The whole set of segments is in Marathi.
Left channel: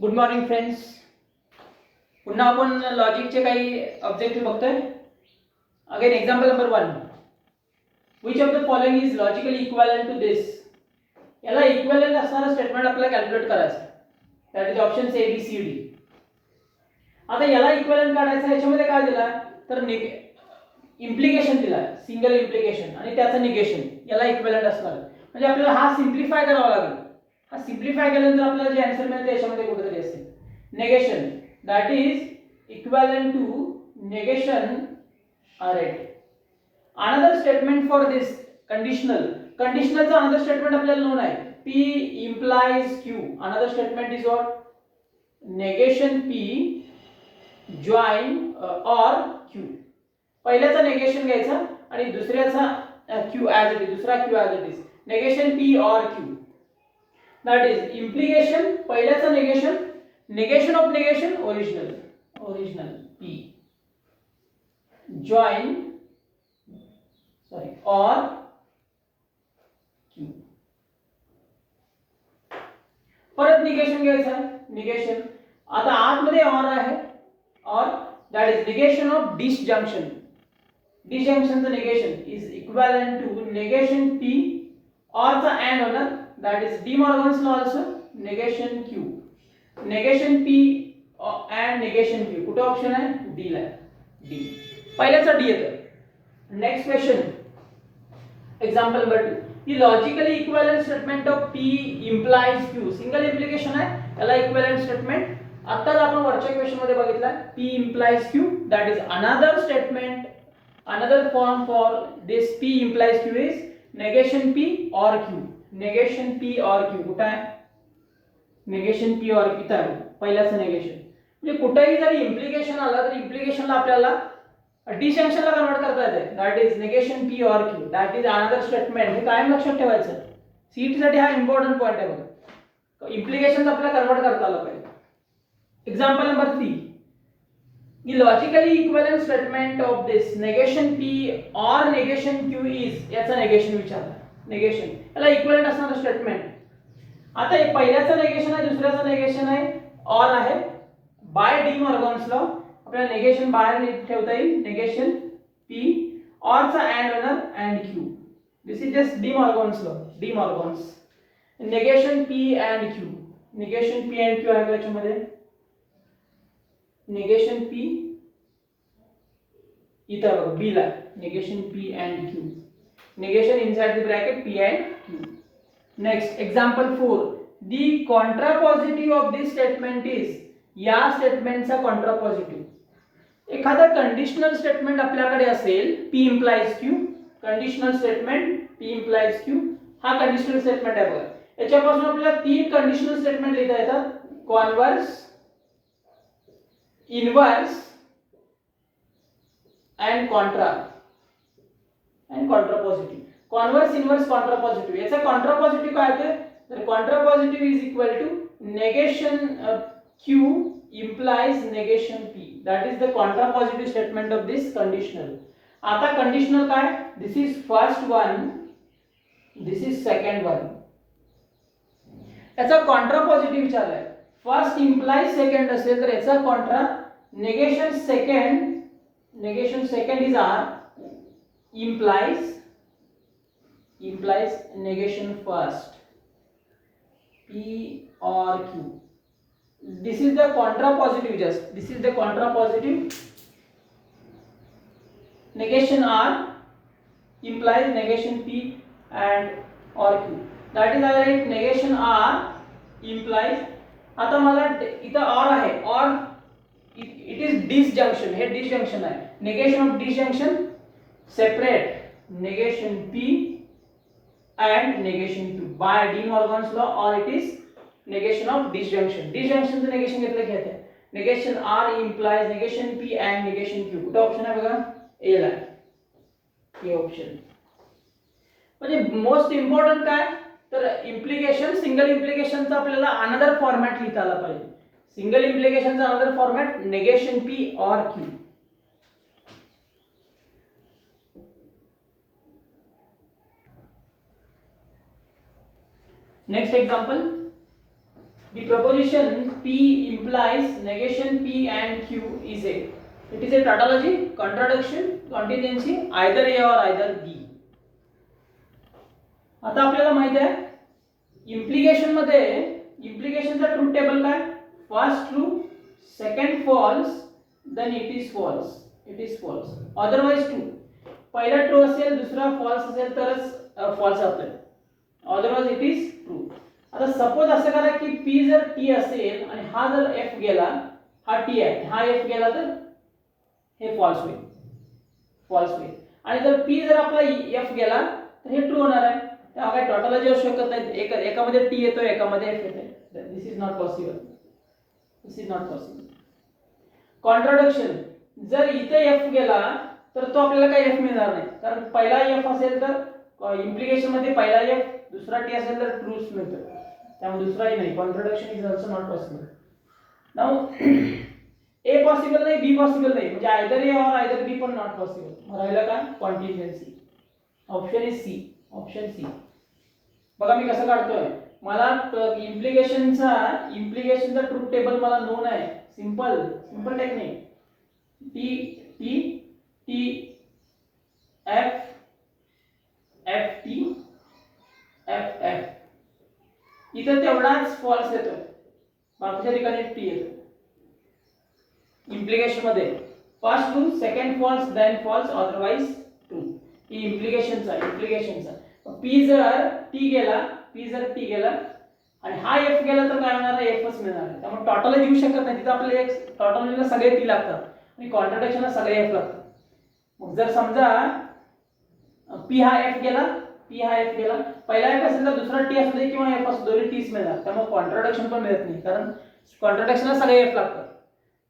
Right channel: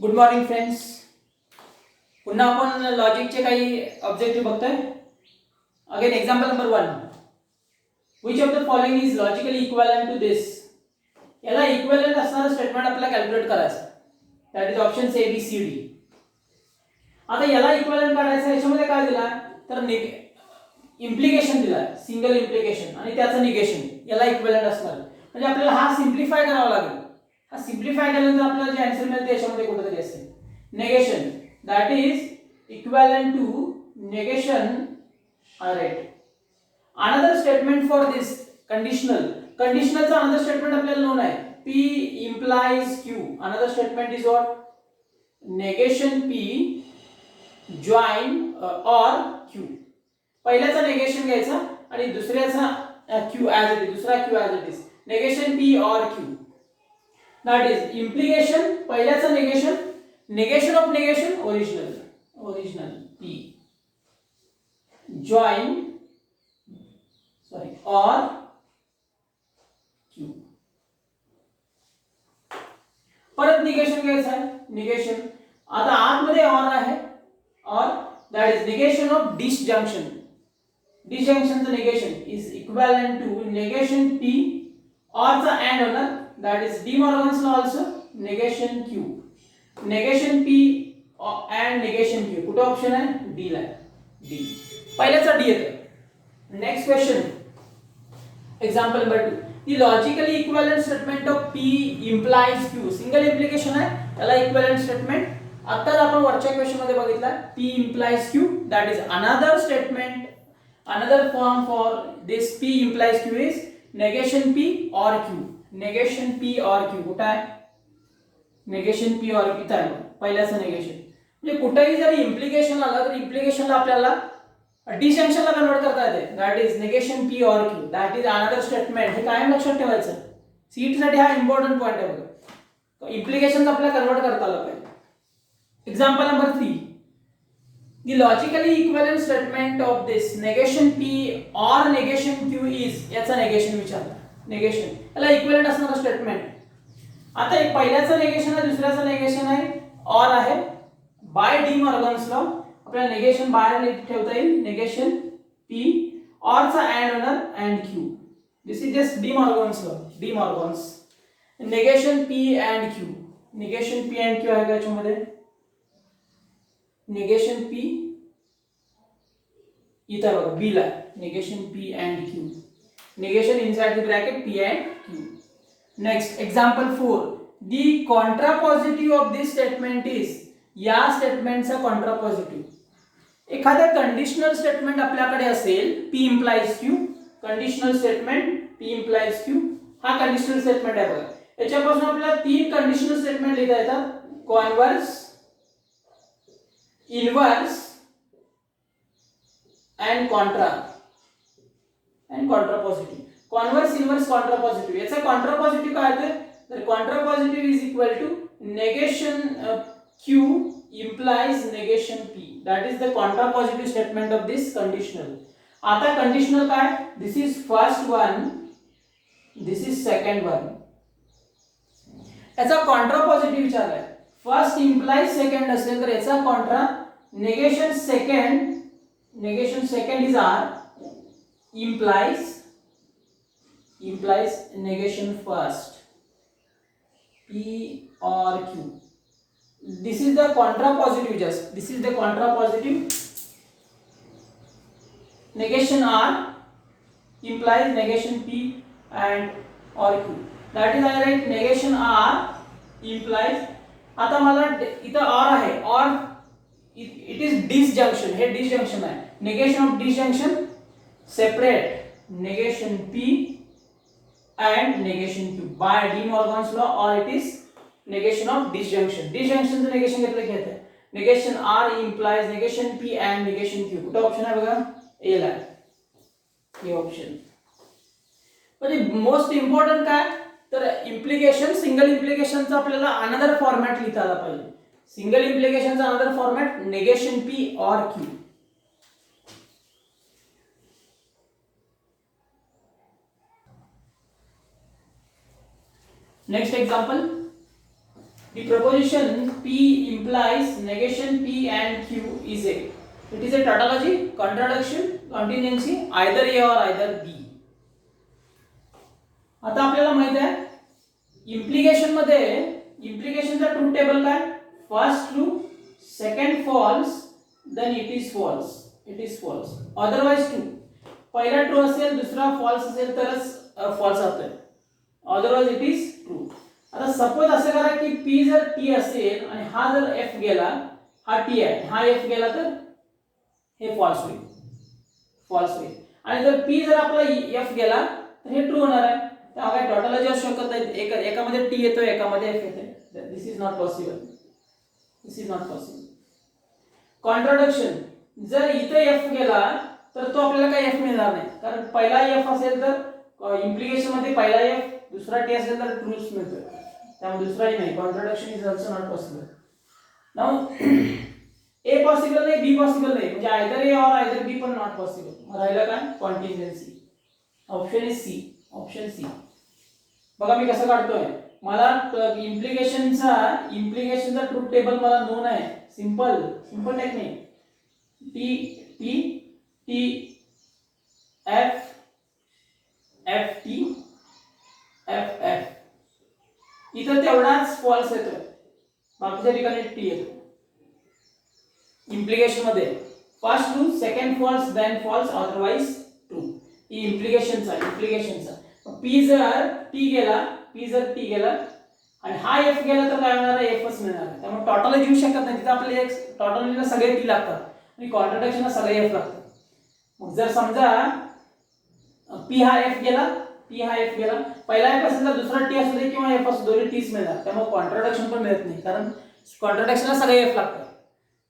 Good morning friends. पुन्हा आपण लॉजिकचे काही ऑब्जेक्टिव्ह बघतोय. Again example number 1. Which of the following is logically equivalent to this. याला इक्विव्हॅलेंट असणारं स्टेटमेंट आपल्याला कॅल्क्युलेट करायचं. That is options A B C D. आता याला इक्विव्हॅलेंट काढायचं याच्यामध्ये काय दिला तर इम्प्लिकेशन दिला, सिंगल इम्प्लिकेशन आणि त्याचं निगेशन. याला इक्विव्हॅलेंट असणार म्हणजे आपल्याला हा सिम्प्लिफाय करावा लागेल. हा सिम्प्लिफाय केल्यानंतर आपल्याला जे आन्सर मिळेल त्याच्यामध्ये कुठेतरी असेल negation, that is equivalent to negation. Alright, another statement for this conditional चा another statement आपल्याला known आहे P implies Q. Another statement is what? negation P join or Q. पहिल्याचा negation घ्यायचा आणि दुसऱ्याचा Q as it is, दुसरा Q as it is. negation P or Q, that is implication पहिल्याचा negation of negation original P join or Q. परत निगेशन घ्यायचं आहे. निगेशन आता आतमध्ये और आहे or that is negation of disjunction. डिसजंक्शनचं negation is equivalent to negation P or चा अँड होणार that is De Morgan's law also negation Q. negation P and negation Q. कुठे ऑप्शन आहे डी ला. डी पहिल्याचा डी येतं. Next question example number 2. The logically equivalent statement of P implies Q. Single implication आहे याला इक्विव्हॅलेंट स्टेटमेंट. आत्ताच आपण वरच्या क्वेश्चन मध्ये बघितला P implies Q. That is another statement, another form for this P implies Q is negation P or Q. negation P or Q कुठे आहे निगेशन P और Q आहे पहिल्याचं निगेशन. म्हणजे कुठेही जरी इम्प्लिकेशन आला तर इम्प्लिकेशनला आपल्याला डिसजंक्शनला कन्वर्ट करता येते. That is negation P or Q. That is another statement. हे कायम लक्षात ठेवायचं. सीट साठी हा इम्पॉर्टंट पॉइंट आहे बघा. इम्प्लिकेशन आपल्याला कन्वर्ट करता आलं पाहिजे. Example number 3. The logically equivalent statement of this negation P और निगेशन Q इज. याचा निगेशन विचारला. निगेशन याला इक्विव्हॅलेंट असणारं स्टेटमेंट. आता एक पहिल्याचं निगेशन आहे दुसऱ्याचं निगेशन आहे और आहे. बाय डी मॉर्गन्स लॉ आपल्याला निगेशन बाहेर ठेवता येईल. निगेशन P और चा अँड होणार and Q. This is just De Morgan's law. De Morgan's negation P and Q. Negation P and Q आहे त्याच्यामध्ये. निगेशन P इथं बघा B ला negation P and Q. Negation inside the bracket P and Q. Next example 4. The contrapositive of this statement is. या स्टेटमेंटचा कॉन्ट्रापॉझिटिव्ह. एखादा कंडिशनल स्टेटमेंट आपल्याकडे असेल P implies Q. Conditional statement P implies Q हा कंडिशनल स्टेटमेंट आहे बघा. याच्यापासून आपल्याला तीन कंडिशनल स्टेटमेंट लिहिता येतात. Converse, inverse and contra and contrapositive. Converse, inverse, contrapositive. याचा कॉन्ट्रापॉझिटिव्ह काय आहे तर contrapositive is equal to negation Q implies negation P. That is the contrapositive statement of this conditional. आता conditional काय? This is first one, this is second one. याचा contrapositive विचारलाय. First implies second असेल तर याचा contra negation second is R implies negation first P or Q. This is the contrapositive. Just this is the contrapositive. Negation R implies negation P and or Q. That is I write negation R implies. आता मला इथं और आहे और it is disjunction. हे disjunction आहे. negation of disjunction separate negation P and negation Q by De Morgan's law, or it is negation of disjunction. disjunction चं negation घेतलं की येतं. negation R implies negation P and negation Q. कुठं ऑप्शन आहे बघा ए ला. हे ऑप्शन म्हणजे मोस्ट इम्पॉर्टंट काय तर इम्प्लिकेशन. सिंगल इम्प्लिकेशनचा आपल्याला अनदर फॉर्मॅट लिहिता आला पाहिजे. सिंगल इम्प्लिकेशनचा another format negation P or Q. Next example. The proposition P implies negation P and Q is a. It is a tautology, contradiction, contingency, either A or either B. आता आपल्याला माहित आहे इम्प्लिकेशन मध्ये इम्प्लिकेशनचा ट्रूथ टेबल काय first true second false then it is false otherwise true पहिला ट्रू असेल दुसरा फॉल्स असेल तरच फॉल्स असते अदरवाइज इट इज ट्रू. आता सपोज असं करा की P जर T असेल आणि हा जर F गेला हा T आहे हा F गेला तर हे फॉल्स होईल आणि जर P जर आपला F गेला तर हे ट्रू होणार आहे. तेव्हा काय टोटॉलॉजी असू शकत नाही एकामध्ये T येतो एकामध्ये F येते. दिस इज नॉट पॉसिबल. कॉन्ट्राडिक्शन जर इथे F गेला तर तो आपल्याला काही F मिळणार नाही कारण पहिला F असेल तर इम्प्लिकेशन मध्ये पहिला F दुसरा T असेल तर ट्रूच मिळतो त्यामुळे दुसराही नाही. Contradiction is also not possible. Now A possible नाही B पॉसिबल नाही म्हणजे either A or either B पण नॉट पॉसिबल. मग राहिलं काय contingency. Option is C. Option C. बघा मी कसं काढतोय मला इम्प्लिकेशनचा ट्रूथ टेबल मला नोन आहे. Simple technique T F F T F F इथं तेवढाच फॉल्स येतोय बाकीच्या ठिकाणी T येतो. इम्प्लिकेशन मध्ये first true second false then false otherwise true. ही इम्प्लिकेशनचा P जर T गेला आणि हा F गेला तर काय होणार आहे Fच मिळणार आहे. त्यामुळे टोटॉलॉजी येऊ शकत नाही. तिथे आपल्याला एक टोटॉलॉजीला सगळे T लागतात आणि कॉन्ट्राडिक्शनला सगळे F लागतात. मग जर समजा P हा F गेला पहिला F असेल तर दुसरा T असू दे किंवा F असू दोन्ही Tच मिळणार. त्यामुळे कॉन्ट्राडिक्शन पण मिळत नाही कारण कॉन्ट्राडिक्शनला सगळे F लागतात.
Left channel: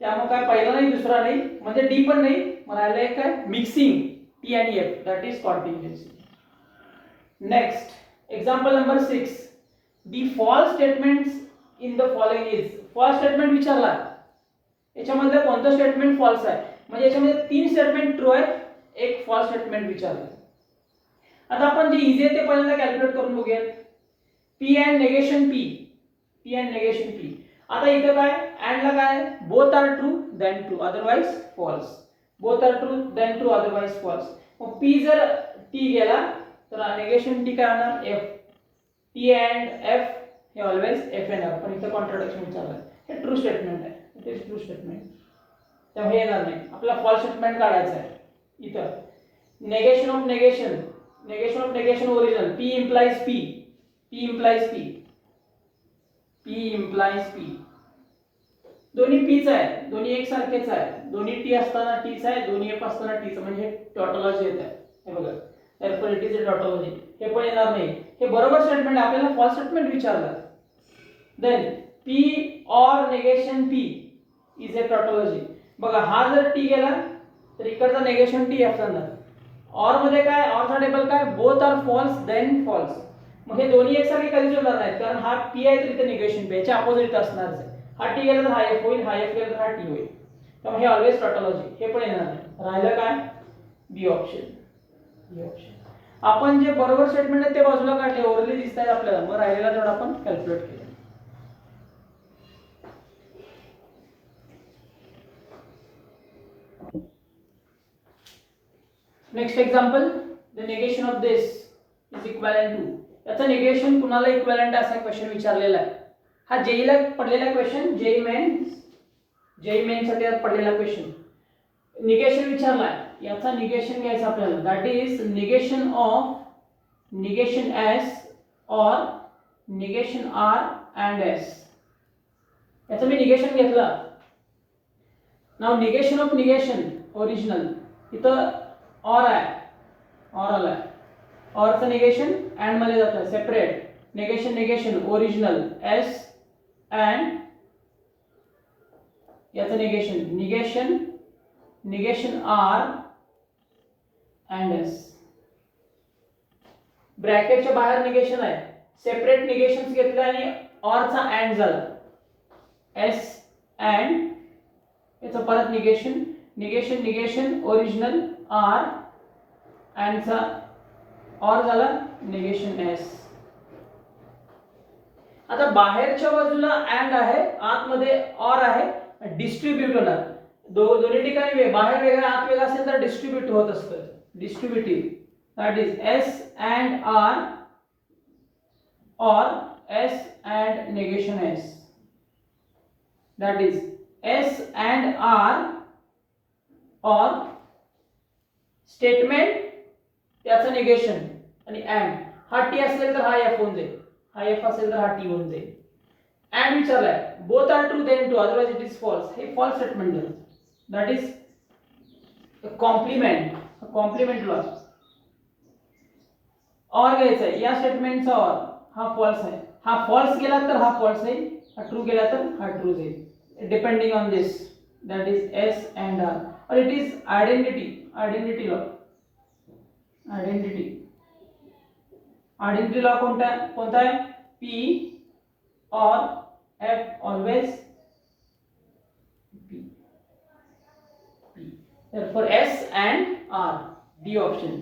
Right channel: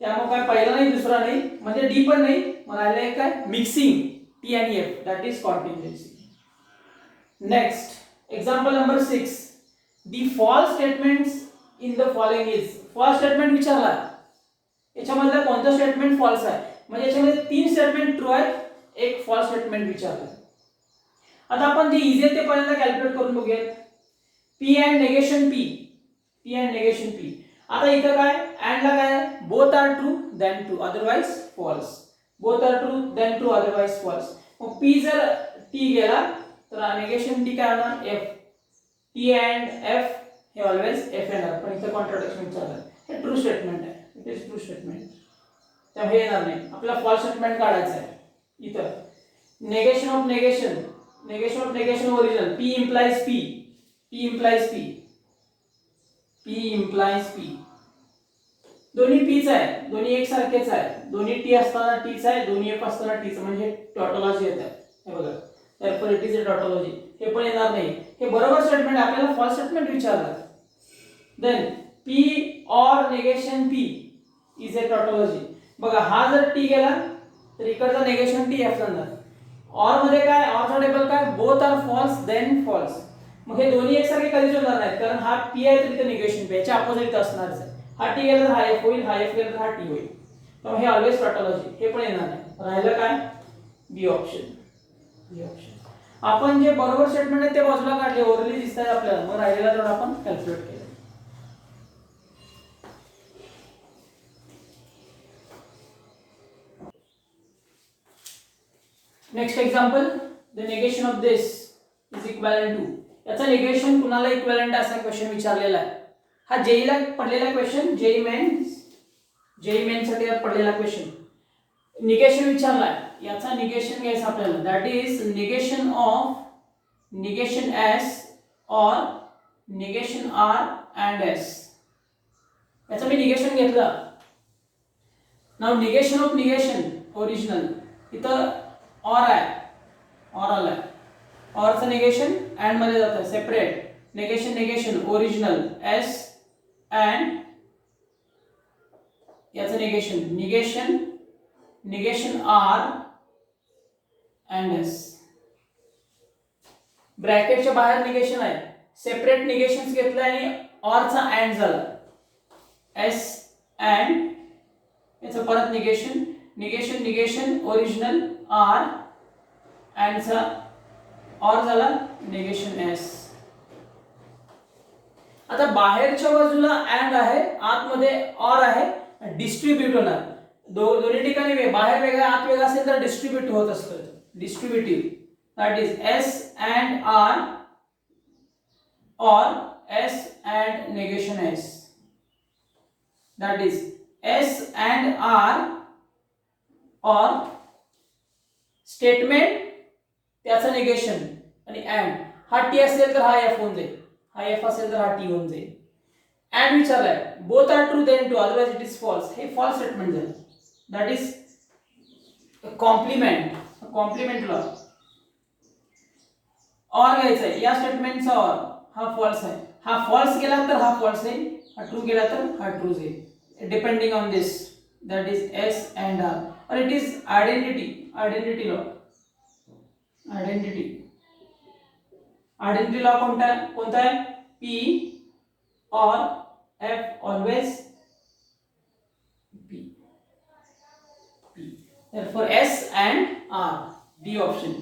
त्यामुळे काय पहिला नाही दुसरा नाही म्हणजे D पण नाही. मग राहिलं एक काय मिक्सिंग T आणि F that is contingency. Next example number 6 the false statements in the following is. False statement विचारला याच्यामध्ये कोणतं स्टेटमेंट फॉल्स आहे म्हणजे याच्यामध्ये 3 स्टेटमेंट ट्रू आहे एक फॉल्स स्टेटमेंट विचारलं. आता आपण जे इझी आहे ते पहिल्यांदा कॅल्क्युलेट करून बघूया. P and negation P. आता इथं काय अँड ला काय both are true then true otherwise false. मग P जर T गेला तर नेगेशन T काय होणार F. T अँड F हे ऑलवेज F येणार पण इथं कॉन्ट्राडिक्शन चालू आहे. हे ट्रू स्टेटमेंट आहे. इट इज ट्रू स्टेटमेंट त्यामुळे हे येणार नाही. आपला फॉल्स स्टेटमेंट काढायचा आहे. इथं negation of negation original P implies P. दोन्ही Pच आहे दोन्ही एकसारखेच आहे दोन्ही T असताना Tच आहे दोन्ही F असताना Tच म्हणजे टोटॉलॉजी येत आहे. हे बघा therefore it is a tautology. हे पण येणार नाही. हे बरोबर स्टेटमेंट आपल्याला फॉल्स स्टेटमेंट विचारलं. Then P or negation P is a tautology. बघा हा जर T गेला तर इकडचा नेगेशन T F जाणार. और मध्ये काय और चा टेबल काय both are false then false. मग हे दोन्ही एकसारखे कधीच होणार नाहीत कारण हा P आहे तर इथे नेगेशन P याच्या अपोजिट असणारच आहे. हा T गेला तर हा F होईल हा F गेला तर हा T होईल. त्यामुळे हे ऑलवेज टोटॉलॉजी हे पण येणार नाही. राहिलं काय बी ऑप्शन. आपण जे बरोबर स्टेटमेंट आहे ते बाजूला काढले ओरली दिसत आहे आपल्याला. मग राहिलेला थोडा आपण कॅल्क्युलेट केलं. Next example the negation of this is equivalent to. याचा निगेशन कुणाला इक्वॅलेंट असा क्वेश्चन विचारलेला आहे. हा जेईला पडलेला क्वेश्चन जेई मेन साठी पडलेला क्वेश्चन. निगेशन विचारलाय याचा निगेशन घ्यायचं आपल्याला that is negation of negation S और निगेशन R अँड S. याचं मी निगेशन घेतलं. Now negation of negation original इथं और आहे और आलाय औरचं निगेशन अँड मध्ये जातं separate. Negation original S and याचं निगेशन R अँड S. ब्रॅकेटच्या बाहेर निगेशन आहे सेपरेट निगेशन्स घेतलं आणि ऑरचा अँड झाला S अँड याचं परत निगेशन ओरिजिनल R अँड चा और झाला निगेशन S. आता बाहेरच्या बाजूला अँड आहे, आतमध्ये ऑर आहे, डिस्ट्रीब्यूट होणार. दोन्ही ठिकाणी बाहेर वेगळा आत वेगळा असेल तर डिस्ट्रीब्यूट होत असतं, distributive. That is S and R or S and negation S. That is S and R or statement त्याचं negation आणि and. हा T असेल तर हा F होऊन जाईल, हा F असेल तर हा T होऊन जाईल. and विचारलाय both are true then true otherwise it is false. हे false statement झालं. That is a complement law. और घ्यायचा आहे, या स्टेटमेंटचा और हा फॉल्स आहे, हा फॉल्स गेला तर हा फॉल्स आहे, हा ट्रू गेला तर हा ट्रू जाईल, depending on this. That is S and R. Or it is identity law. Identity law कोणता आहे? P or F always P. therefore S and R, D option.